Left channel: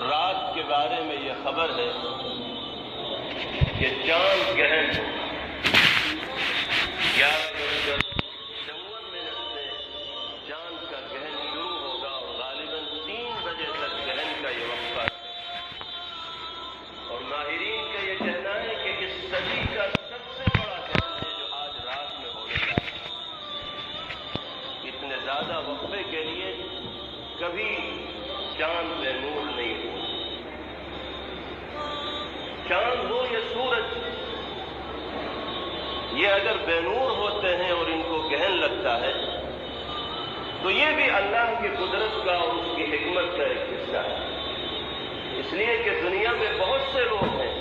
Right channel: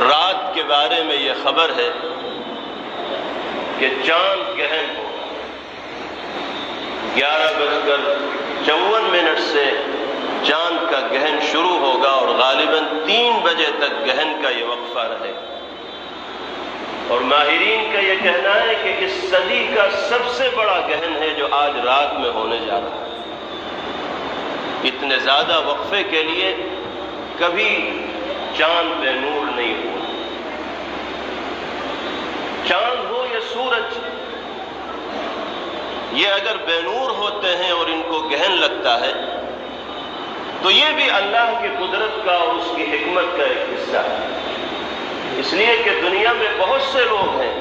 رات کے بارے میں یہ خبر ہے کہ چاند گہن 11:54 سے چاند کا گہن شروع ہوگا اور غالباً 3 بجے تک گہن کا یہ وقفہ رہے گا۔ اور ماہرین کا یہ کہنا ہے کہ اس صدی کا سب سے بڑا گہن ہے جو آج رات میں ہونے جا رہا ہے۔ اتنے زیادہ وقفے کے لیے کبھی چاند بے نور نہیں ہوا۔ چاند ہو یا سورج، یہ اگر بے نور ہوتے ہیں اور ان کو گہن لگتا ہے تو یہ بھی اللہ کی قدرت کا اور اس کی حکمت کا ایک حصہ ہے۔ اس لیے کہ دنیا میں بہت سے لوگ ہیں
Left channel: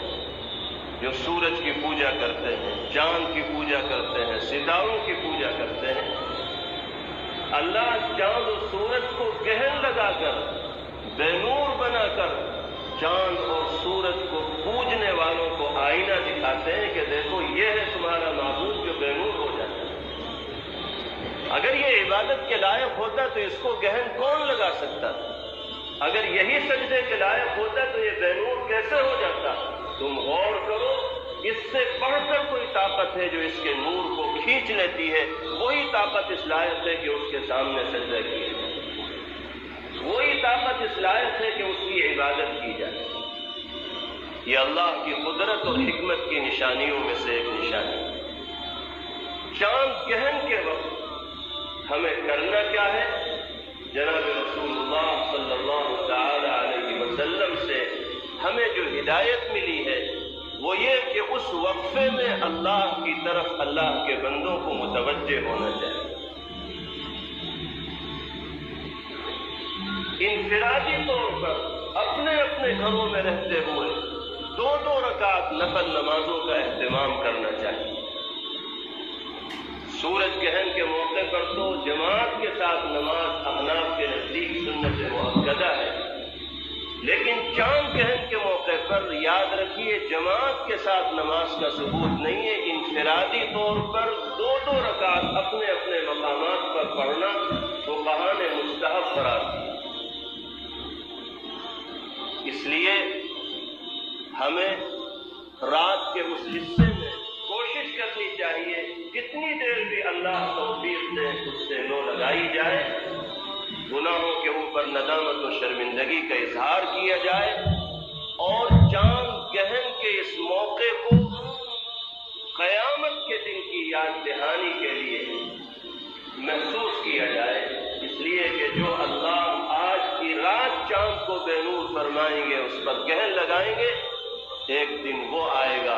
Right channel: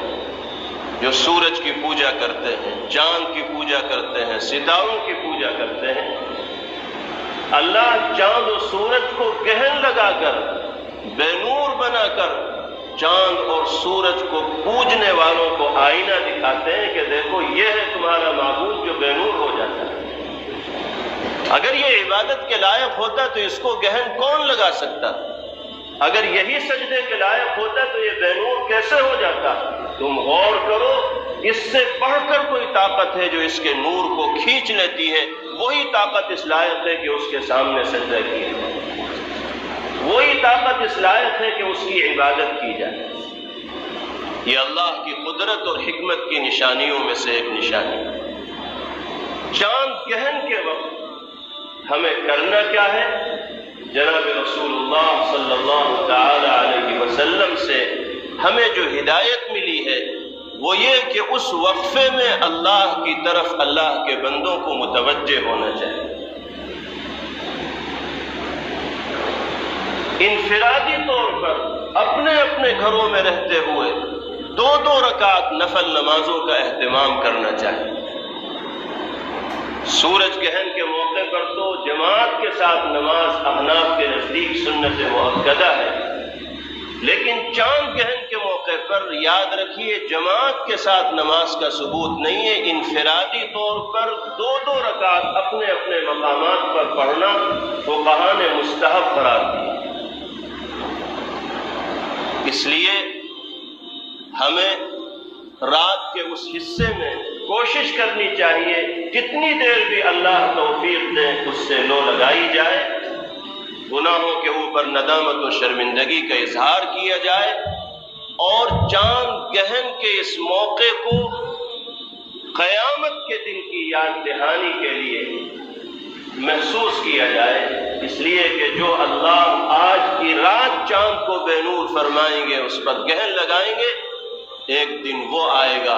جو سورج کی پوجا کرتے ہیں، چاند کی پوجا کرتے ہیں، ستاروں کی پوجا کرتے ہیں۔ اللہ چاند و سورج کو گہن لگا کر، بے نور بنا کر چاند اور سورج کو پوجنے والوں کو آئینہ دکھاتے ہیں کہ دیکھو یہ ہے تمہارا معبود جو بے نور ہو جاتا ہے۔ اگر یہ عبادت کے لائق ہوتا تو اس کو گہن کون لگا سکتا؟ اگر یہی سجدے کے لائق ہوتا تو یہ بے نور کیسے ہو جاتا؟ تم غور کرو، اس سے بڑھ کر کوئی طاقت ہے جو اس کے نور کو کھینچ لیتی ہے، وہی طاقت اس لائق ہے کہ اس کے سامنے سجدہ کیا جائے، وہی طاقت اس لائق ہے کہ اس کی عبادت کی جائے۔ یہ اللہ کی قدرت اور حکمت کی نشانیوں میں سے ایک نشانی ہے۔ چاند گہن کے وقت ہمیں کرنا کیا ہے؟ جناب رسول اللہ صلی اللہ تعالی علیہ وسلم سے ہمیں جو ہدایت ملی ہے وہ یہ کہ اس وقفے میں اللہ کی طرف اللہ کے بندوں کو متوجہ ہونا چاہیے۔ انفرادی طور پر اپنے اپنے گھروں میں رہتے ہوئے 2 رکعت نفل نمازوں کا اہتمام کرنا چاہیے۔ سورج گہن کے موقع پر تو جماعت کے ساتھ نماز احناف کے نزدیک سنت مؤکدہ ہے، لیکن چاند گہن کے موقع پر یاد رکھیے جماعت کے ساتھ نماز کا ثبوت نہیں ہے۔ انفرادی طور پر 2 رکعت اپنے اپنے مقامات پر پڑھنا فقہاء نے مستحب قرار دیا۔ اس لیے ہمیں رات کے اس حصے میں کوشش کرنی چاہیے جتنی دیر بھی اللہ توفیق دے اس سے لو لگائی جائے، گناہوں کے اوپر ندامت و شرمندگی کا اظہار کیا جائے، اور چاند گہن کے اس موقع کو قیامت کے دن کی یاد دہانی کے لیے محسوس کیا جائے، اس لیے کہ جو اللہ آج کی رات چاند کو بے نور فرمائیں گے، اس پر گہن لگائیں گے، ایک دن وہ آئے گا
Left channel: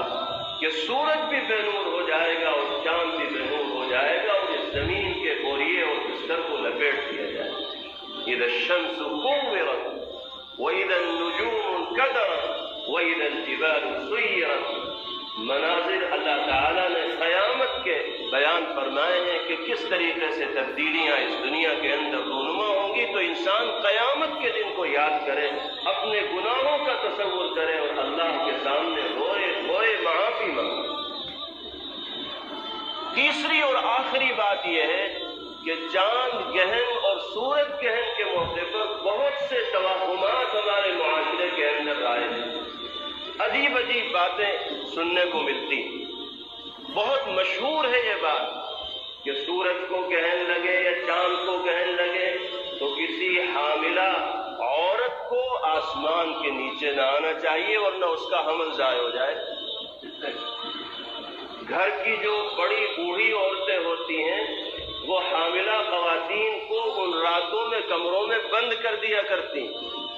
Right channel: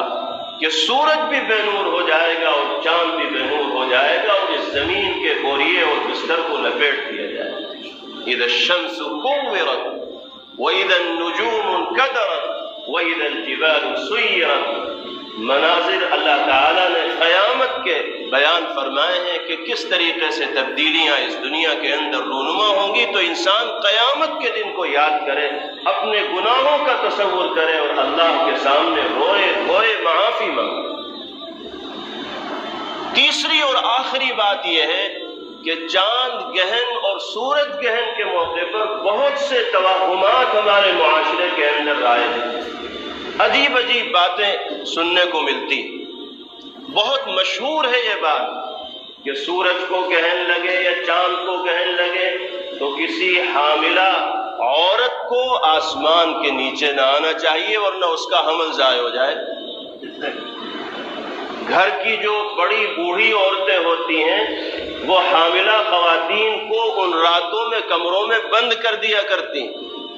کہ سورج بھی بے نور ہو جائے گا اور چاند بھی بے نور ہو جائے گا، اور اس زمین کے بوریے اور بستر کو لپیٹ دیا جائے گا۔ اذا الشمس كورت واذا النجوم انكدرت واذا الجبال سيرت۔ مناظر اللہ تعالیٰ نے قیامت کے بیان فرمائے ہیں کہ کس طریقے سے تبدیلیاں اس دنیا کے اندر رونما ہوں گی، تو انسان قیامت کے دن کو یاد کرے، اپنے گناہوں کا تصور کرے اور اللہ کے سامنے روئے روئے معافی مانگے۔ تیسری اور آخری بات یہ ہے کہ چاند گہن اور سورج گہن کے موقع پر بہت سے توہمات ہمارے معاشرے کے اندر رائج ہیں، عجیب عجیب باتیں سننے کو ملتی۔ بہت مشہور ہے یہ بات کہ سورج کو گہن لگے یا چاند کو گہن لگے تو کسی حاملہ عورت کو آسمان کے نیچے نہ آنا چاہیے ورنہ اس کا حمل ضائع ہو جائے۔ گھر کی جو بڑی بوڑھی عورتیں ہوتی ہیں وہ حاملہ خواتین کو ان راتوں میں کمروں میں بند کر دیا کرتی،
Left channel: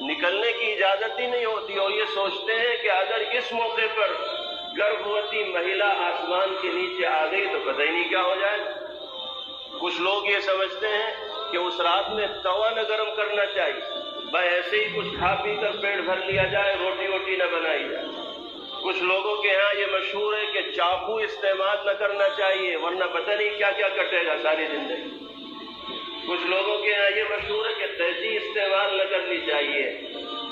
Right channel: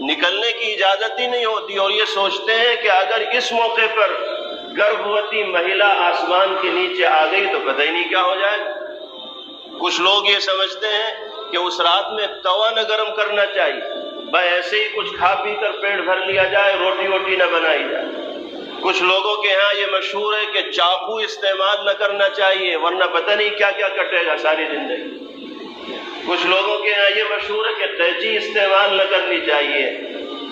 نکلنے کی اجازت ہی نہیں ہوتی، اور یہ سوچتے ہیں کہ اگر اس موقع پر گربھوتی مہیلا آسمان کے نیچے آ گئی تو پتہ ہی نہیں کیا ہو جائے۔ کچھ لوگ یہ سمجھتے ہیں کہ اس رات میں توا نہ گرم کرنا چاہیے، بس ایسے ہی کچھ کھا پی کر پیٹ بھر لیا جائے، روٹی ووٹی نہ بنائی جائے۔ کچھ لوگوں کے ہاں یہ مشہور ہے کہ چاقو استعمال نہ کرنا چاہیے ورنہ پتہ نہیں کیا کیا کٹے گا ساری زندگی۔ کچھ لوگوں کے ہاں یہ مشہور ہے کہ قینچی استعمال نہ کرنی چاہیے۔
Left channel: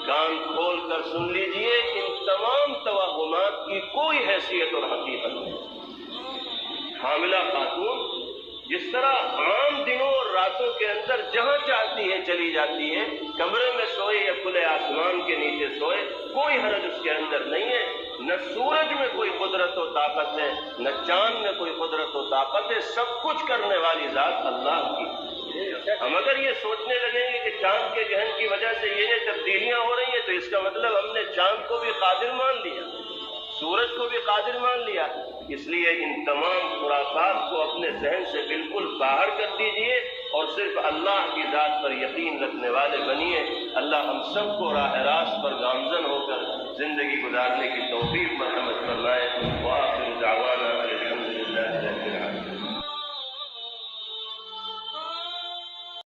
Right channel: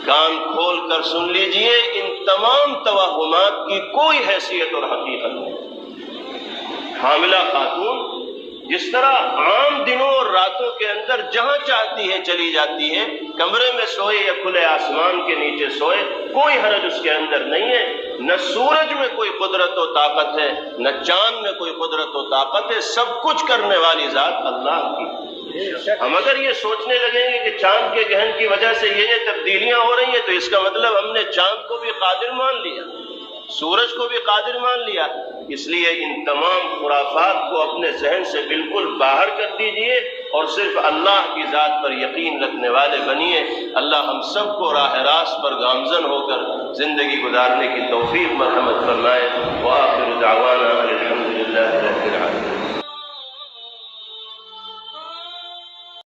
کان کھول کر سن لیجئے، ان تمام توہمات کی کوئی حیثیت اور حقیقت نہیں۔ حاملہ خاتون جس طرح عام دنوں اور راتوں کے اندر جہاں چاہتی ہے چلی جاتی ہے، کمرے میں سوئے یا کھلے آسمان کے نیچے سوئے، کوئی حرج اس کے اندر نہیں ہے۔ نہ سورج میں کوئی قدرت و طاقت ہے، نہ چاند میں کوئی قدرت و طاقت ہے، سب کچھ کرنے والی ذات اللہ کی۔ ہم اگر یہ سوچنے لگیں گے کہ چاند کے گہن کی وجہ سے یہ تبدیلیاں ہو رہی ہیں تو اس کا مطلب ہم نے چاند کو بھی قادر مان لیا، سورج کو بھی قادر مان لیا۔ اس لیے ان تمام خرافات کو اپنے ذہن سے بالکل باہر کر دیجئے اور صرف اللہ کی ذات پر یقین رکھنے والے بنیے۔ اللہ ہم سب کو راہ راست پر گامزن ہو کر زندگی گزارنے کی توفیق مرحمت فرمائے۔ وآخر دعوانا الحمدللہ۔